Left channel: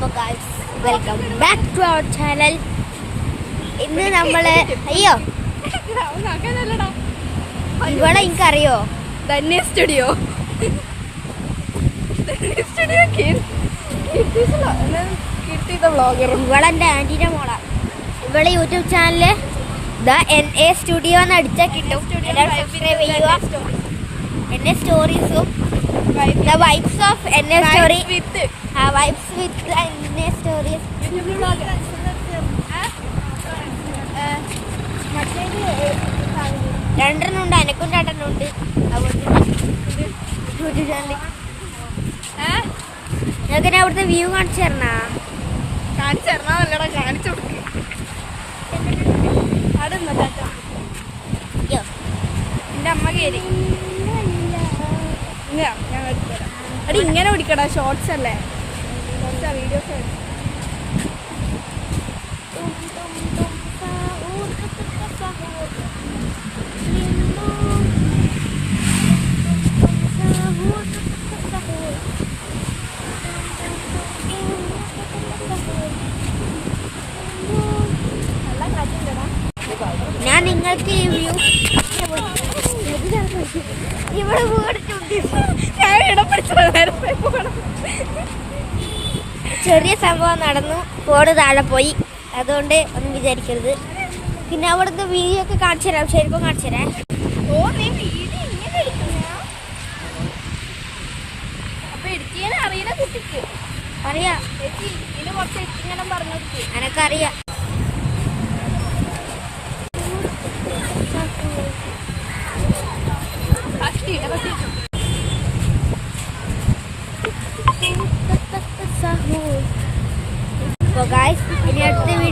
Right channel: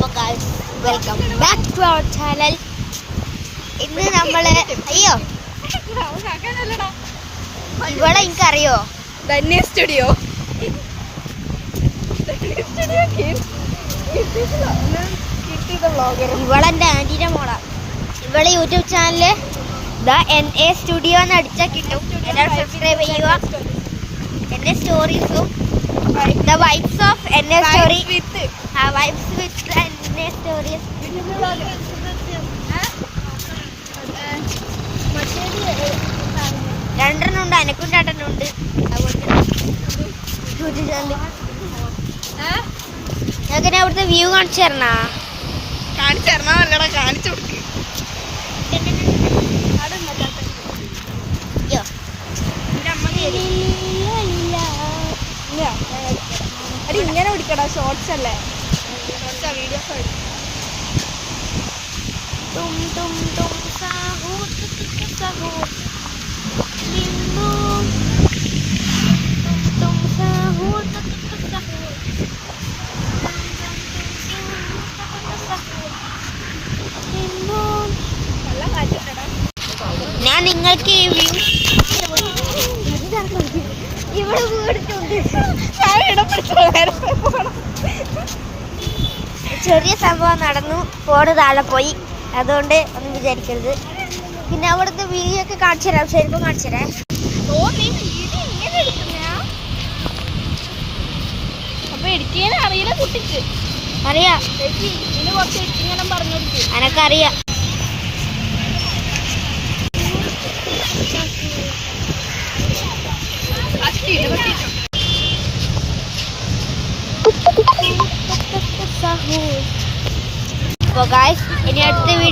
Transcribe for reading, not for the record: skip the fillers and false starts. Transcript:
അപ്പോൾ guys welcome back to our channel. ഇന്ന് നമ്മൾ ഇവിടെ എനിക്കറിയോ ധന്യ സ്റ്റുഡിയോ ഇവളെൻ്റെ ആൻറ്റീൻ്റെ മോളാണ്. ഇവളെ YouTube channel the NA studio എന്ന് അടിച്ചാൽ കിട്ടും. എല്ലാവരും സബ്സ്ക്രൈബ് ചെയ്യുക. എൻ്റെ സ്റ്റോറീസും the vibes of NA story, vibes with NA stories. രണ്ടെണ്ണം ഉണ്ട്, അനക്കും രണ്ടെണ്ണം ഉണ്ട്. അതുകൊണ്ട് യൂട്യൂബ് ചാനൽ നിങ്ങൾക്ക് അവിടുത്തെ വ്യൂ കാണിച്ചു തരണോ? കാണിച്ചു തരണമല്ലടാ, കാണിച്ചു കൊടുക്ക്. അയ്യോ എൻ്റെ അമ്മ അത് ഇങ്ങനെ പിടിക്കടാ, ഷോർട്സ് അല്ലേ വീഡിയോസ്. ഞാൻ നിങ്ങൾക്ക് ഈ വ്യൂ ഇവിടെ വീടിട്ടുണ്ട്. ചെറിയ സംഭവം നടന്നു, ഫോണ് താഴെ പോയി, അതുകൊണ്ട് ഒന്നും വിചാരിക്കരുത്. പിന്നെ അവിടുന്ന് വീഡിയോ ഒക്കെ കാണിച്ചു തരാം, ശരിക്കും കാണിച്ചു തരാം. അപ്പൊ എഡിറ്റിംഗ് അറിയില്ല കുട്ടിക്ക്. അറിയാം, ഇതിന് കുറച്ച് എഡിറ്റിംഗ് പറഞ്ഞിരിക്കും. എനക്കറിയാം. അപ്പോൾ ഗായ്സ് ഇനി അടുത്ത വീഡിയോ